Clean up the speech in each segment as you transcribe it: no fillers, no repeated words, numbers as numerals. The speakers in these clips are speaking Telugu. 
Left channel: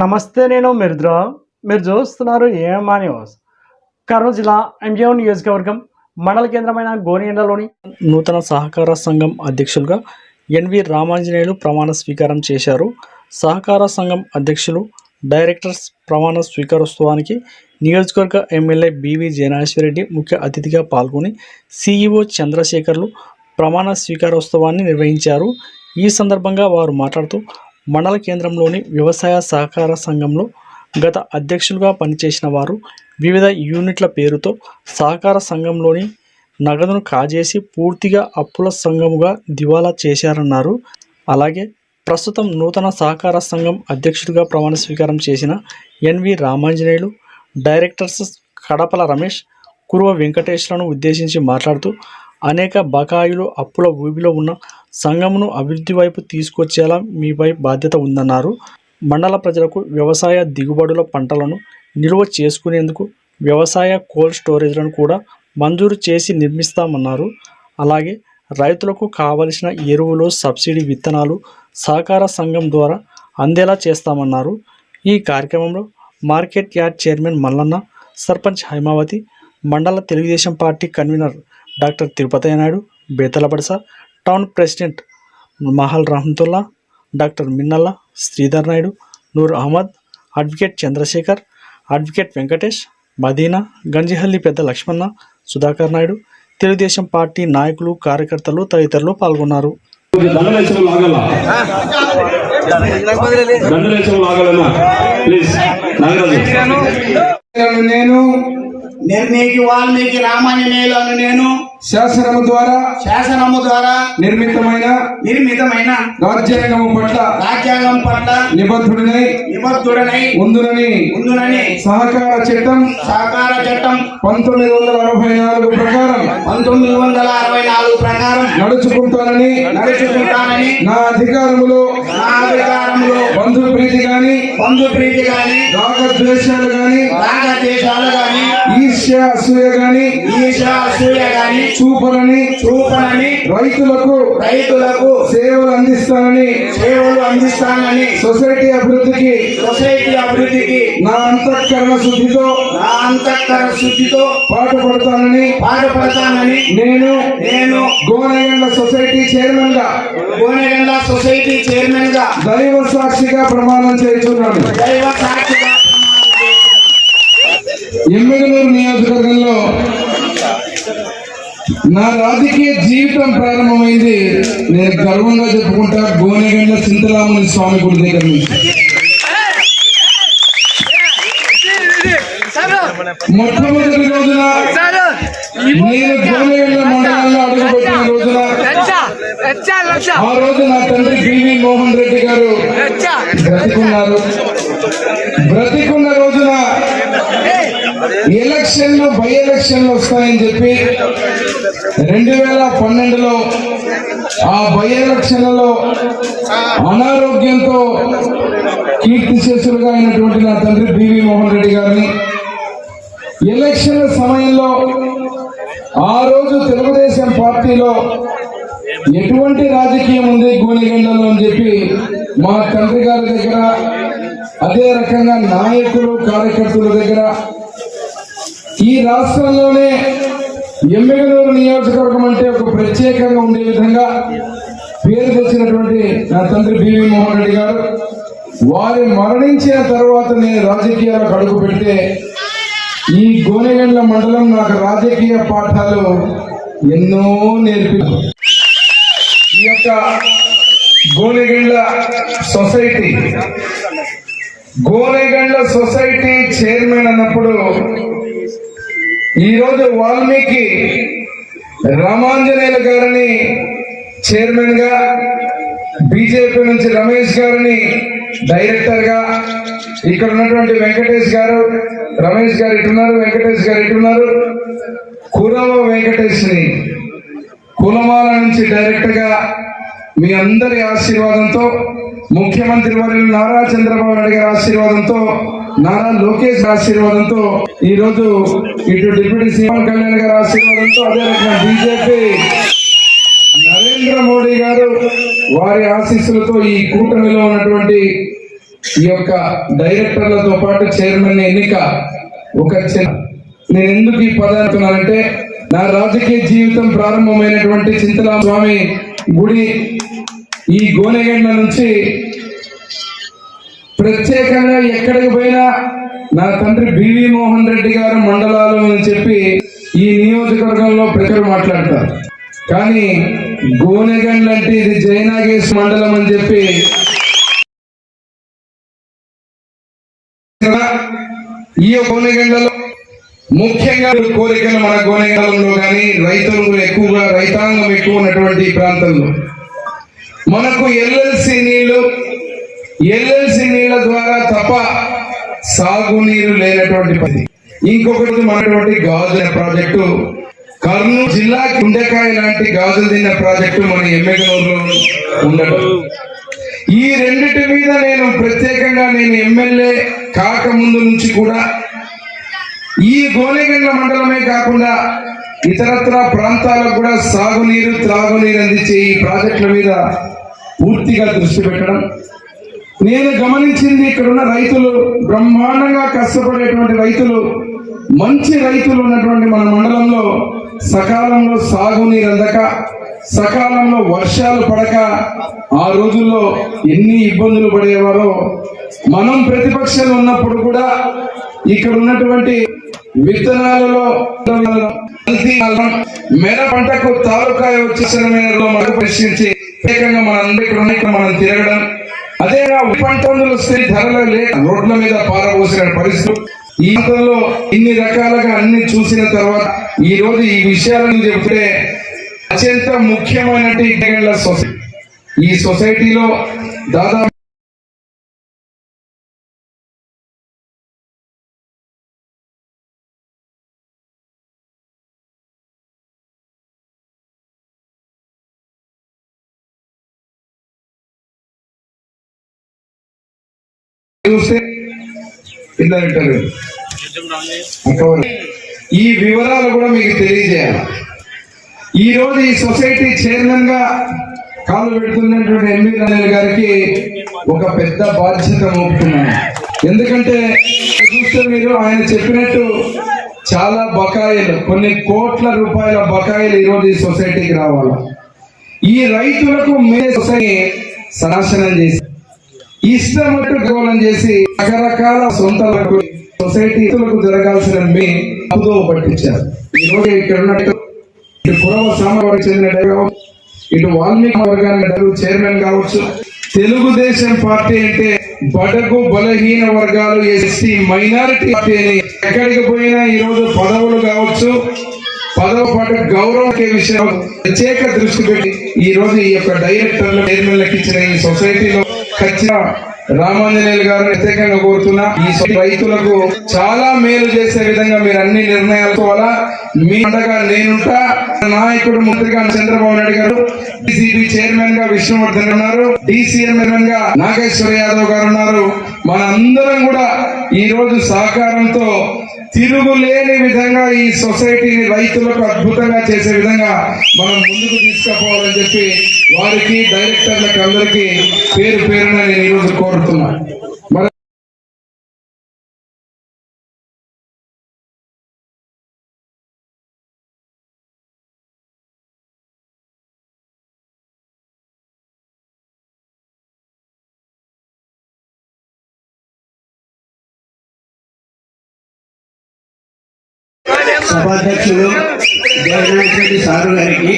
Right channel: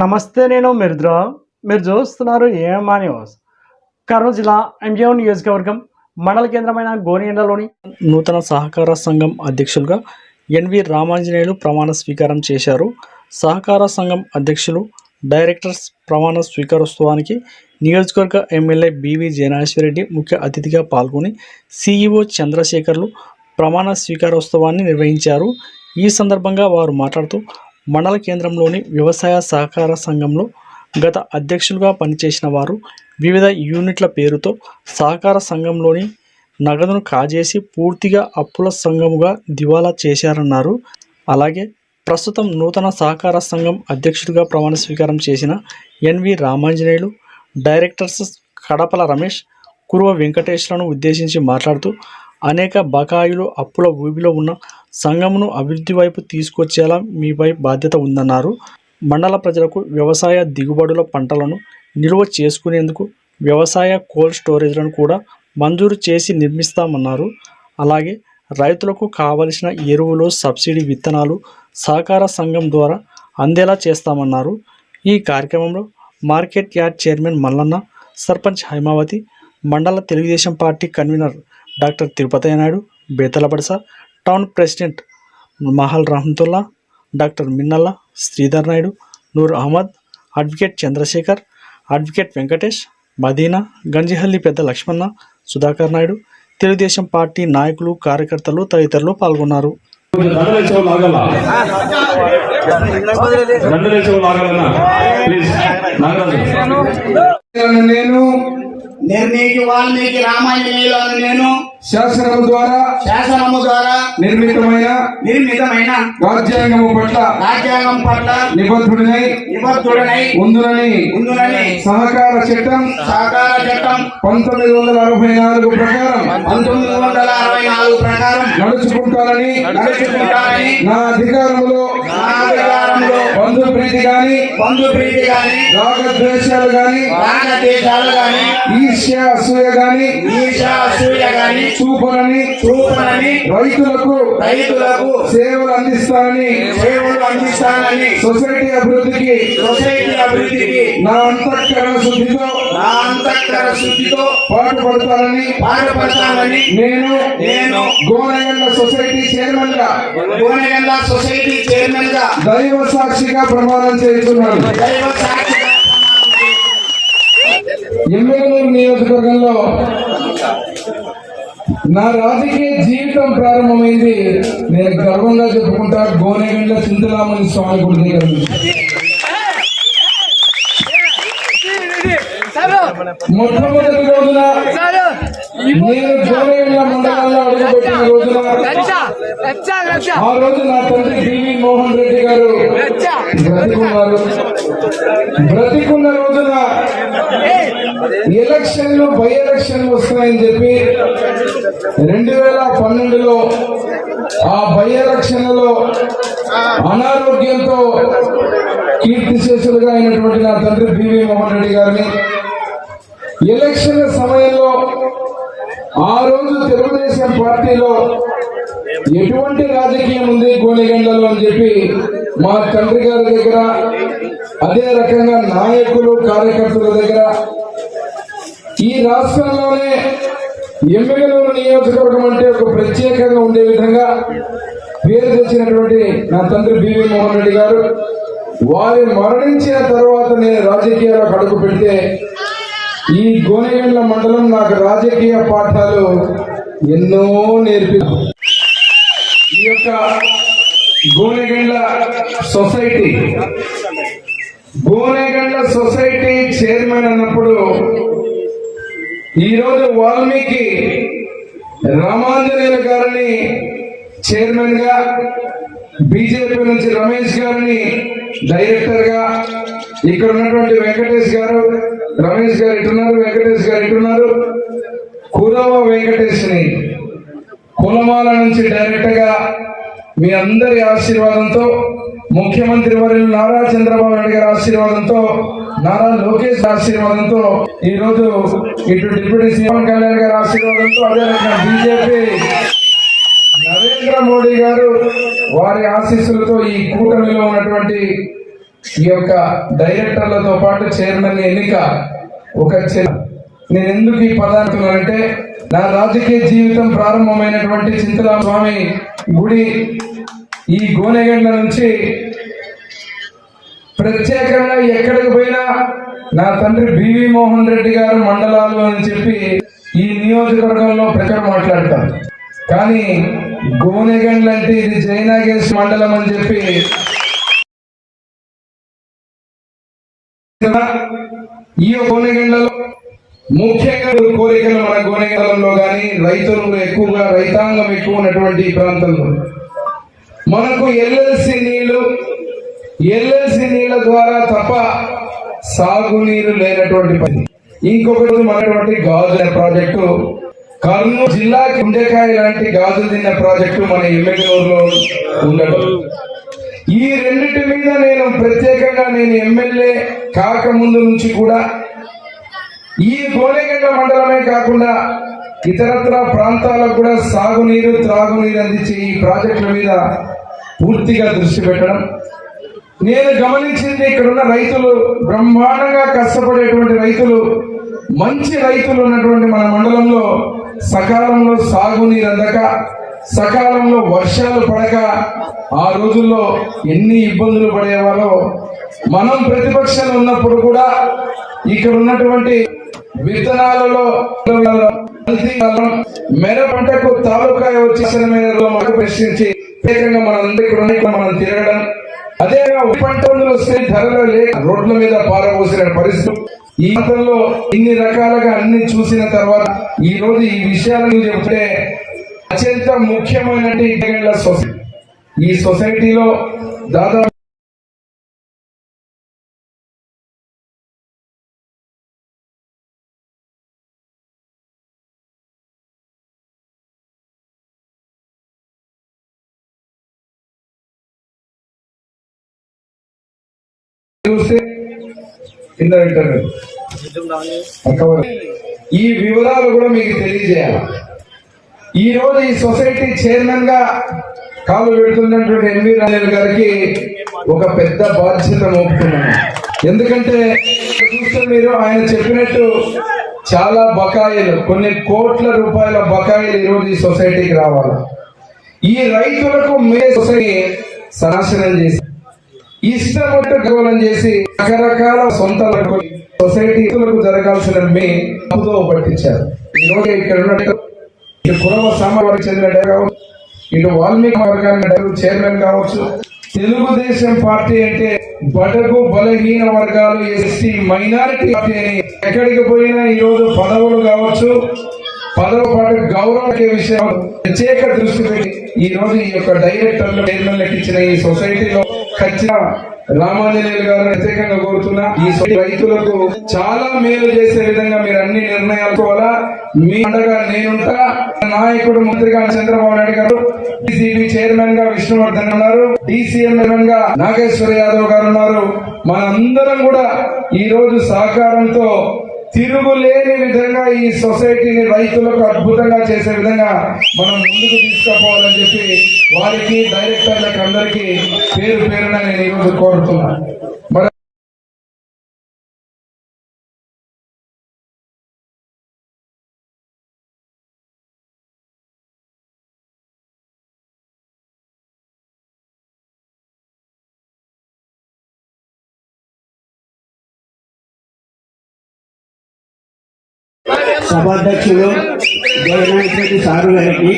నమస్తే, నేను మిర్ద్రా. మీరు చూస్తున్నారు ఏమా న్యూస్. కర్నూలు జిల్లా ఎంజీఓ నియోజకవర్గం మండల కేంద్రమైన గోనియండలోని నూతన సహకార సంఘం అధ్యక్షులుగా ఎన్వి రామాంజనేయులు ప్రమాణ స్వీకారం చేశారు. సహకార సంఘం అధ్యక్షులు, డైరెక్టర్స్ ప్రమాణ స్వీకారోత్సవానికి నియోజకవర్గ ఎమ్మెల్యే బివి జయనాశ్వరరెడ్డి ముఖ్య అతిథిగా పాల్గొని సిఇఓ చంద్రశేఖర్లు ప్రమాణ స్వీకారోత్సవాన్ని నిర్వహించారు. ఈ సందర్భంగా వారు మాట్లాడుతూ మండల కేంద్రంలోని వ్యవసాయ సహకార సంఘంలో గత అధ్యక్షులుగా పనిచేసిన వారు వివిధ యూనిట్ల పేరుతో సహకార సంఘంలోని నగదును కాజేసి పూర్తిగా అప్పుల సంఘముగా దివాలా చేశారన్నారు. అలాగే ప్రస్తుతం నూతన సహకార సంఘం అధ్యక్షుడిగా ప్రమాణ స్వీకారం చేసిన ఎన్వి రామాంజనేయులు, డైరెక్టర్స్ కడపల రమేష్, కురువ వెంకటేశ్లను ఉద్దేశించి మాట్లాడుతూ అనేక బకాయిలు అప్పుల ఊబిలో ఉన్న సంఘమును అభివృద్ధి వైపు తీసుకొచ్చేలా మీపై బాధ్యత ఉందన్నారు. మండల ప్రజలకు వ్యవసాయ దిగుబడుల పంటలను నిల్వ చేసుకునేందుకు వ్యవసాయ కోల్డ్ స్టోరేజ్లను కూడా మంజూరు చేసి నిర్మిస్తామన్నారు. అలాగే రైతులకు కావలసిన ఎరువులు, సబ్సిడీ విత్తనాలు సహకార సంఘం ద్వారా అందేలా చేస్తామన్నారు. ఈ కార్యక్రమంలో market yard chairman Mallanna, sarpanch Haimavathi, మండల Telugu Desam party convener doctor Tirupati Naidu, బేతలబడస, town president Mahal Rahamatulla, doctor Minnalla, Sridhar Naidu, Noor Ahmed, advocate Chandrasekhar, advocate Venkatesh, Madina, Ganjihalli పెద్ద లక్ష్మణ, సుధాకర్ నాయుడు, తెలుగుదేశం పార్టీ నాయకులు, కార్యకర్తలు తదితరులు పాల్గొన్నారు. నిర్ణీకి వాల్మీకి రామాంజనేయులను నేను శాసనము ద్వారా నిర్మితమైన రాజ్యాంగం పట్ల నిబద్ధుడనై ఉందునని సహకార చట్టం 1964 ప్రకారం నడుచుకుంటానని నా అధికారంలో బంధు ప్రీతి గాని రాగద్వేషాలు గాని ఈర్ష్య అసూయ గాని చూపనని రైతులకు సేవలు అందిస్తానని సొసైటీ అభివృద్ధికి నా అంతఃకరణ శుద్ధితో పాటుపడతానని నేను గోనెగండ్ల సొసైటీ చైర్మన్ గా దైవ సాక్షిగా ప్రమాణం చేస్తున్నాను. ఎమ్మెగనూరు నియోజకవర్గంలో నా రాజకీయ జీవితం ప్రారంభమైంది. నేను గర్వంగా చెప్పుకుంటా గోనెగండ్ల చింతరాముని స్వామి గుడి దగ్గర నుంచి. మొట్టమొదటి రోజున నేను గోనెగండ్ల మండలంలో అడుగుపెట్టిన రోజున ఆ రోజు నా తండ్రి బివి మోహన్ రెడ్డి గారు బ్రతికున్న రోజున బై ఎలక్షన్లు వస్తాయని చెప్పి 2012లో ఆ బై ఎలక్షన్లలో అనారోగ్యంతో కీర్తిశేషులుగా అయినటువంటి నా తండ్రి బివి మోహన్ రెడ్డి గారిని ఎలక్షన్ల సమయంలో ఆ రోజు తెలుగుదేశం పార్టీలో ఎటువంటి రాజకీయం ఉంది గోనెగండ్లలో అని చెప్పి మా తండ్రి గారి దగ్గర, అదే రకంగా నాయకులు, కార్యకర్తల దగ్గర ఈ రాష్ట్రంలోనే ఎమ్మెగనూరు నియోజకవర్గం అంటే ఒక ప్రత్యేకంగా ఉండే విధంగా పేరు తెచ్చినటువంటి నా తండ్రి బివి మోహన్ రెడ్డి గారు వారు మరణించిన తర్వాత నేను రాజకీయాలకు అడుగు పెడితే ఈ గోనెగండ్ల మండలం నాకు రాజకీయ పాఠాలు ఎన్నో నేర్పింది. ఈ యొక్క గోనెగండ్ల సొసైటీ చైర్మన్ అన్నప్పుడు ఈరోజు వాల్మీకి రామాంజనేయులు గారిని చైర్మన్ గా, బీజేపీ నుంచి రమేష్ గారిని డైరెక్టర్ గా, ఇక్కడ ఉన్నటువంటి వెంకటేష్ గారు, రమేష్ గారు ఇటున్నారు, వెంకటేష్ గారు ఇటున్నారు, కురవ వెంకటేష్ ని కులమాల నుంచి డైరెక్టర్ గా మీ అందరి ఆశీర్వాదంతో, ముఖ్యమంత్రి వర్యులు నారా చంద్రబాబు నాయుడు గారి ఆశీర్వాదంతో, నారా లోకేష్ ఆశీర్వాదంతో, ఈ రోజు ఇటు డిప్యూటీ సీఎం కళ్యాణ్ గారి ఆశీర్వాదంతో, అదే రకంగా బీజేపీ నరేంద్ర మోడీ గారు వారి ఆశీస్సులతో ఈ కూటమిలో ఉన్నటువంటి ఈ యొక్క డైరెక్టర్లతో పాటు చైర్మన్ ఎన్నిక ఒక నేను ఎందుకు ఈ పదార్థానంటే నా రాజకీయ జీవితం ప్రారంభమైనటువంటి చింతలాం స్వామి గుడి ఈ గోనెగండ్ల నుంచి ప్రత్యేకంగా ఎక్కడికి పోయినా నా తండ్రి బివి మోహన్ రెడ్డి గారు మండలాలు అని చెప్పి ఈ నియోజకవర్గంలో ప్రజలు మాట్లాడతారు. కానీ గోనెగండ్ల అంటే ఇది జైనాగేశ్ మండలం అని చెప్పి ఈ గోనెగండ్లలో ముఖ్యంగా కోరికలు మన గోనెగండ్లలో కానీ రైతులు ఎక్కువగా రైతాంగం ఎక్కువ ఉన్నటువంటి ఈ ప్రాంతంలో మనకు ఎల్ఎల్సి నీళ్ళ ద్వారా తప్ప సాగునీరు లేనటువంటి పని. ఇంకొకటి మనటువంటి గాజుల ప్రాజెక్టు కర్నూలు జిల్లాకి గుండెకాయ లాంటి గాజులు తిన్న ప్రాజెక్టు మన ఎమ్మెల్యేలో ఉండడం. ఈ రెండింటి మీద నేను ప్రత్యేకంగా ఎమ్మెల్యే కాకముందు నుంచి కూడా ఈ గోనెగండ్ల మండలమే కాకుండా ఇతరత్ర ప్రాంతాలకు కూడా సాగునీరు త్రాగునీరు అందించే ఈ ప్రాజెక్టుల మీద పూర్తిగా దృష్టి పెట్టడం. నేను గమనించింది ఇక్కడ ఉన్న రైతులు బ్రహ్మాండంగా కష్టపడేటువంటి రైతులు, మంచి రైతులు ఉన్నటువంటి మన మండలంలో సకాలంలో సాగునీరు అందక, సకాలంలో వర్షాలు పడక ఆ రోజుల్లో ఎన్ని ఇబ్బందులు పడేవారో మనం ప్రతిపక్షంలో ఉన్నప్పుడు కూడా ఇక్కడ ఉన్నటువంటి విత్తనాలలో మెర పంటకు తాలూకాయ వచ్చేసరిలో మనకు ప్రశ్నించి ప్రత్యేకంగా మనం తిరగడం, అదే పంటలు వస్తే ధరలు లేక రోడ్ల మీద పారబోసిన పరిస్థితి. ఈ ప్రాంతంలో ఇన్ని రకాలుగా అన్ని చూసిన తర్వాత ఈ రోజు ఈ విషయాలను చెప్తే అత్యంత ముఖ్యమైన సొసైటీ. ఈ సొసైటీలో దాదాపు ఈ వివరాలు కూడా మీకు తెలియజేయాలి. ఈ రోజు ఈ సొసైటీ చైర్మన్ గా కాలు పెడుతున్నటువంటి ఎంవి రాజేంద్ర గారికి ఒక పెద్ద బాధ్యత మోపుతున్నాను. ఎందుకంటే చూస్తే మీరు ఆయన చెప్పినట్టు చాలా బకాయిలు, కొన్ని కోట్ల రూపాయల బకాయిలు ఈ రోజు ఈ సొసైటీకి రావాలి. ఈ రైతులకు మే సొసైటీ సనాశనం చేసి ఇష్టం చేసి రకరకాల సొంత సొసైటీలకు జరగాల్సిన మే అప్పుదో పట్టించారు. ఈ రోజు ఇక్కడ ఉన్నట్టు ఇటు కురవ సామాజిక చెందిన ఇటు వాల్మీకి వర్గానికి చైర్మన్ కావచ్చు. తెలుగుదేశం పార్టీ అంటే బడుగు బలహీన వర్గాలు, ఎస్టీ మైనారిటీ పార్టీ అని ఎక్కడికి పోయినా ఈ రోజు పదవులు కావచ్చు, పదవ పాటు గౌరవం విషయం ప్రత్యేక దృష్టి పెట్టి ఈ రోజు ఈ యొక్క డైరెక్టర్లు చైర్మన్లకు ఇచ్చిన ఈ సొసైటీలో ఖచ్చితంగా రామాంజనేయులు గారు ప్రత్యేకంగా కోరుతున్నా ఈ రైతులకు చాలా మేలు చేసే విధంగా మీరు అన్ని నిర్ణయాలు కోవాలా. మీ అండగా నేనుంటా. నాయకుడు మంత్రిగా చంద్రబాబు నాయుడు గారు, డిసిబి చైర్మన్ గా విష్ణువర్ధన్ ఉన్నారు, డిసిఎం చైర్మన్ గా నాగేశ్వర యాదవ్ గారు ఉన్నారు. మనందరం కూడా ఈ రోజు సహకారంతో తిరుగులేని విధంగా ఈ సొసైటీని రైతులకు అద్భుతంగా చేసే విధంగా మనం ముందుకు తీసుకుపోవాలని చెప్పి వారికి డైరెక్టర్లకు అందరికీ పేరు పేరున నేను ఈరోజు కోరుతున్నాను. సభాధ్యక్షులు జగన్నాథ్ రెడ్డి సారు గారికి,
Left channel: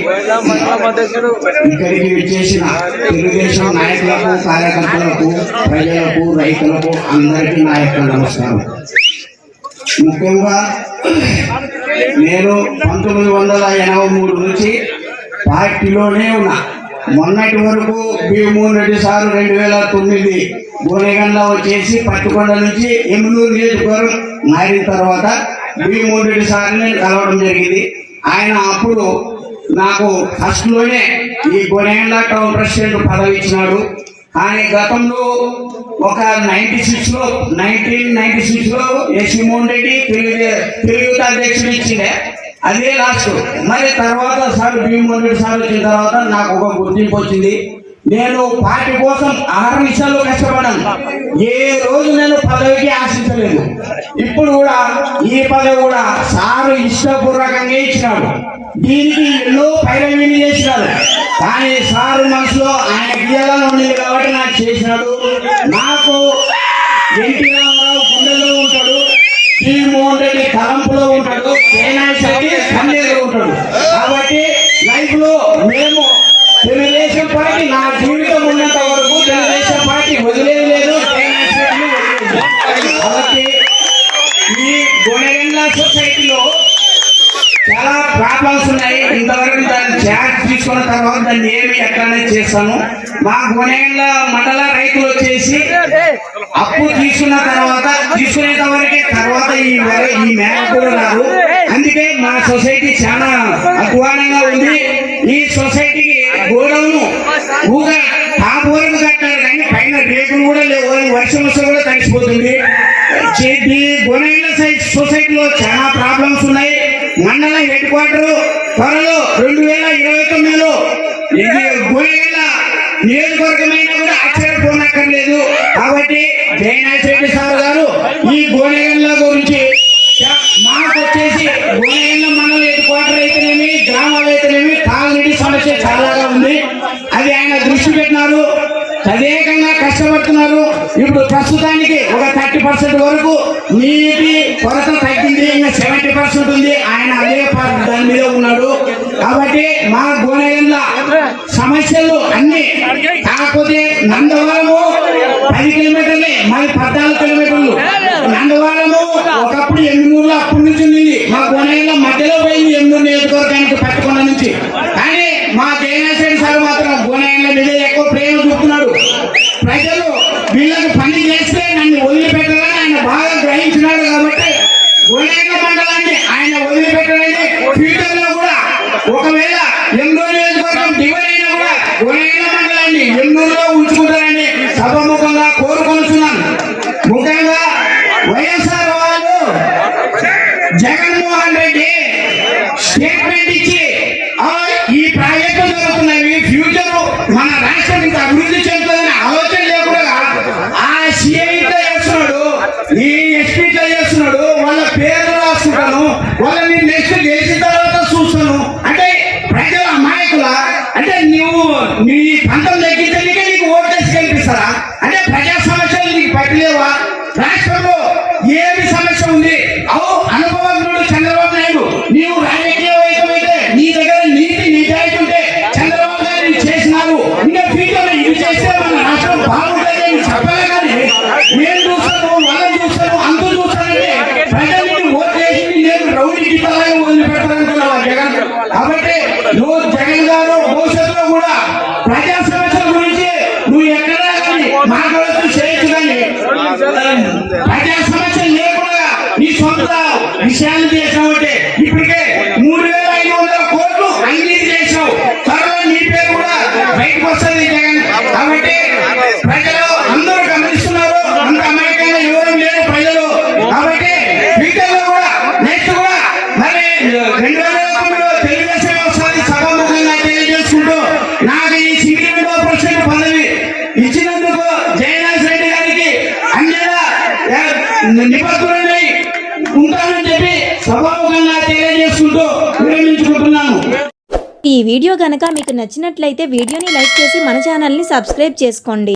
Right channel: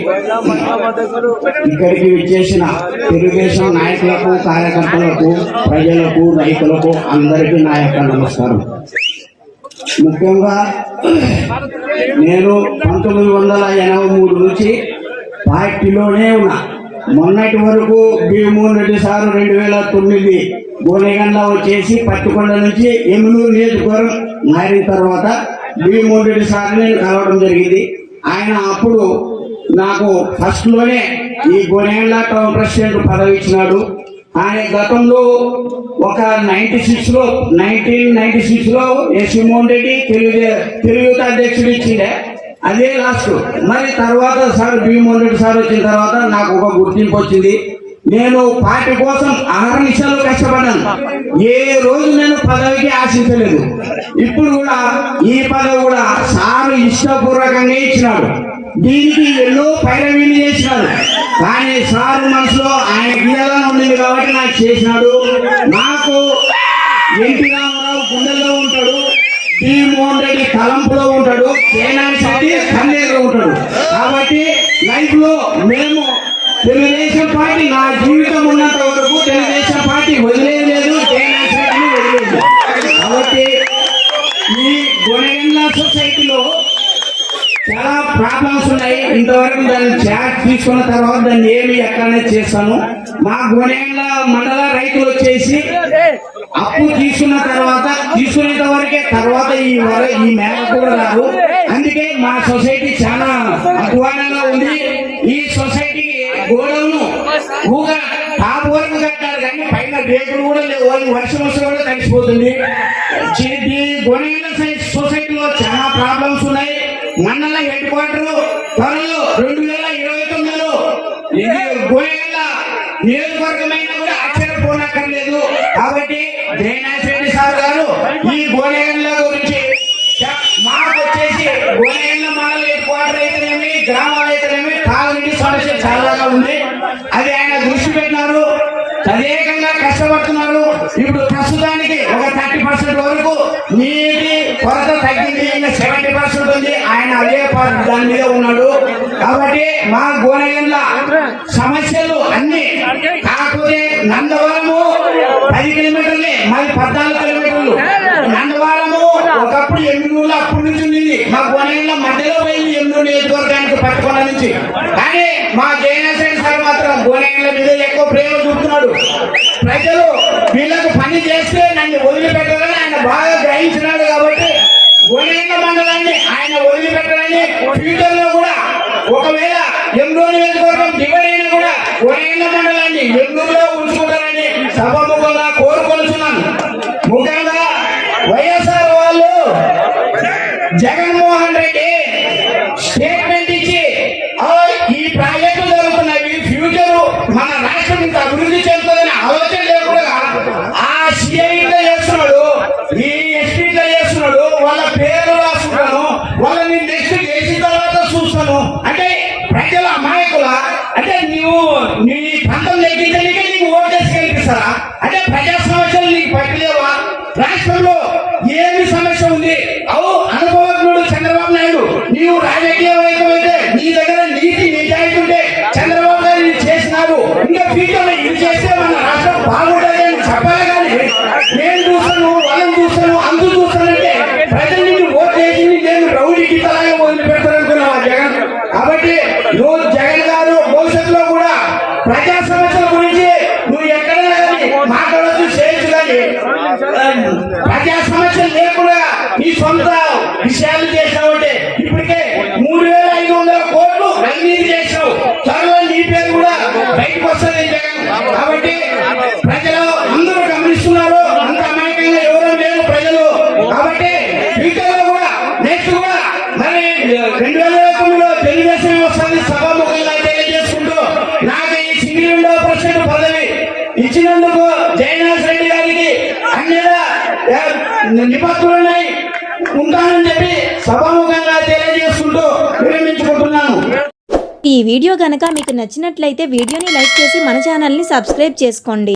ఇక్కడికి విచ్చేసిన తెలుగుదేశం నాయకులకు, కార్యకర్తలకు, ప్రజలకు, రైతులకు అందరికీ నా యొక్క నమస్కారం. ముఖ్యంగా నేను 1983 నుంచి పార్టీలోనే ఉన్నా. మొన్నటి వరకు భీమోహన్ రెడ్డి సారు 2009 గోనెగండ్ల వచ్చేసి పట్టుకొండ నుంచి ఎమ్మెల్యే నియోజకవర్గం మారిన తర్వాత భీమోహన్ రెడ్డి సార్ని నేను కలవడం జరిగింది. ఆయన అప్పుడు నాకు ఫస్ట్ లోనే ఈ గోనెగండ్ల టౌన్ ప్రెసిడెంట్ పదవి ఇచ్చినాడు. కానీ గతంలో ఒక 1996 లో ఎస్ మోహన్ రెడ్డి తెలుగు అధ్యక్షుడు ఇచ్చిండే, అదే లాస్ట్. మరి తర్వాత సార్ భీమోహన్ రెడ్డి సార్ వచ్చిన తర్వాత నాకు ఒక గుర్తింపు వచ్చింది. నేను పార్టీ కోసం అహర్నిశలు కష్టపడ్డాను. ఏ రోజు నేను పదవికి ఆశించలేదు. ఇప్పుడు కూడా ఈ పదవి కూడా సారు ఇష్టపూర్వకంగా ఇచ్చినాడు. దీనికి ఎన్నో పైరవీలు చేసినాడు. కానీ సారు మనసులో ఆయన గీయాలని ఉండేది కాబట్టి నాకు చేసినాడు. నాకు ఎన్టీ రామారావు గుండెల్లో ఉంటాడు, జగన్మోహన్ రెడ్డి తలంపులో ఉంటాడు, కేనాథ్ రెడ్డి కన్నీలో ఉంటాడు. కాబట్టి లైఫ్ లో మేము తెలుగుదేశం పార్టీ నా జీవితం ఉన్నంత వరకు తెలుగుదేశం పార్టీ వదిలేదు. కాబట్టి ఈ గొనెగండ్ల సొసైటీలో చాలా ప్రాబ్లమ్స్ ఉన్నాయి. ఇంతవరకు దాన్ని చార్జ్ తీసుకున్న తర్వాత దాన్ని ఏమి ఎట్లానే చేస్తాను. మా గొనెగండ్ల మండల రైతులు వచ్చేసి అప్పు తీసుకున్న తర్వాత తీసుకునేంత వరకే, తర్వాత ఈ మేర కూడా రారు. అందుకే మా సొసైటీ చాలా అధ్వానంగా ఉంది. ఈ సొసైటీకి గోడౌను ఊగా టాప్ వరకు కట్టారు కానీ పైన రేకులు కూడా లేవు. వర్షం వస్తే కూడా తడిసిపోతుంది. గొనెగండ్ల సొసైటీలో చాలా ప్రాబ్లమ్స్ ఉన్నాయి. మండల హెడ్ క్వార్టర్ త్వరలో 2029లో గొనెగండ్ల నియోజకవర్గమైనా కూడా ఆశ్చర్యపోనక్కర్లేదు. కాబట్టి జయనాథ్ రెడ్డి సార్ గారు ఈ గొనెగండ్ల గురించి మాకు వచ్చేసి గొనెగండ్ల మండల హెడ్ క్వార్టర్ అయితేనేమి, గ్రామాలు అయితేనేమి, తాగునీటి సమస్య చాలాగా ఉంది. అది ఆయన దృష్టి పెట్టినారు. తదేకంగా కష్టపడుతున్నారు. ఇప్పుడు ప్రస్తుతానికి ఒక 30% వరకు నీటి కొరత తగ్గింది. ఇంకా 70% ఉంది. ఆయన అదే దాని మీద ఉన్నాడు. కాబట్టి మా గొనెగండ్ల సమస్యలు అన్ని, కాకపోతే నందవరము 10 కిలోమీటర్లే, మరి 14 కిలోమీటర్లు. నందవరము ఒకప్పుడు ఎన్నూరులో అప్పటి నుంచి ఉంది. మా గొనెగండ్ల మధ్యలో పోయింది ఎన్నూరు నియోజకవర్గానికి పెట్టుకున్న నుంచి. కానీ మా జయనాథ్ రెడ్డి సార్ మాత్రం గొనెగండ్ల మీద ఎక్కువ ప్రేమ చూపుతున్నాడు. ప్రజలు వీళ్ళకు పని చేస్తే నన్ను వదిలిపెట్టాలని ఆయన బాగా గ్రహించినాడు. కాబట్టి గొనెగండ్ల మండలాన్ని ఆయన వదిలిపెట్టాలని, ఫ్యూచర్ లో కూడా ఒకవేళ ఎన్నో నియోజకవర్గం డివైడ్ అయినా కూడా గొనెగండ్ల మండలాన్ని ఎన్నూరులో ఉంచుకుంటారని సభముఖంగా కోరుకొనుతున్నాను. ముఖ్యంగా వైఎస్ఆర్ వాళ్ళు జగన్మోహన్ రెడ్డి స్టేట్మెంట్ ఇచ్చి ఈ ప్రాజెక్టులు జరుగుతున్నవి, ఫ్యూచర్ మన రాష్ట్రం ఇంత అభివృద్ధి చెందుతుందని ఆలోచన లేకుండా ఆ సిఐతో చేస్తున్నాడు, ఈ ఎస్పీతో చేస్తున్నాడు. వాళ్ళ పేర్లు రాస్తున్నాను, వాళ్ళని నెక్స్ట్ గెలిచిన తర్వాత చూస్తాను అంటే ప్రజల అమాయకుల అంటే నీ పంతం తగ్గించడానికి నీకు ఓటేసి కల్పిస్తారా? అంటే ప్రజా సమస్యలు నీకు పట్టలేవా? రాష్ట్రంలో ఏమి సమస్య ఉంది? అనుభవజ్ఞుడు చంద్రబాబు నాయుడు. నీవు రాజకీయవేత్తమైతే నీ దగ్గర నీతి నిజాయితీ ఉంటే చంద్రబాబు నాయుడు చేసినారు. ఇంకా ఫ్యూచర్ ఇది చేస్తే మన రాష్ట్రం బాగుంటుంది అని చెప్పలే. కానీ నేను చూస్తాను, వాళ్ళని చూస్తాను, అందు చూస్తానంటే ప్రజల్ని ఓట్ చేసి నేను రౌడీ గిట్టాలని వదిలిపెడతానంటున్నాను జగన్. కాబట్టి నువ్వు జగన్ గారు భవిష్యత్తులో కూడా ప్రజా సమస్యల గురించి నువ్వు ఎక్కడా కానీ మాట్లాడచ్చు, చేయొచ్చు. కానీ ప్రజా సమస్యలు లేకుండా నీ సొంత విషయాలు చేసినావంటే ఇప్పటికే 3,500 కోట్లు అవినీతి చేసినావు. త్వరలో నీ పేరు కూడా బయటకు వస్తుంది జగన్. కాబట్టి ప్రజలు అందరూ గమనిస్తున్నారు. అంత అమాయకంగా ఎవరు లేరు ప్రజలు. కాబట్టి ఫ్యూచర్ లో కూడా నెక్స్ట్ కూడా మరి 2019లో తెలుగుదేశం వస్తుంది. సభాముఖంగా తెలియజేసుకుంటూ నాకు ఈ సింగిల్ పదవి ఇచ్చినందుకు జయనాథ్ రెడ్డి గారికి అన్ని నిబద్ధులున్నాయి ఉంటానని చెప్పి సభాముఖంగా తెలియజేసుకుంటూ విరమించుకుంటున్నాను. ఈ వీడియో గనక మీకు నచ్చినట్లయితే వీడియోని లైక్ చేసి మన ఛానల్ని సబ్స్క్రైబ్ చేసుకోండి.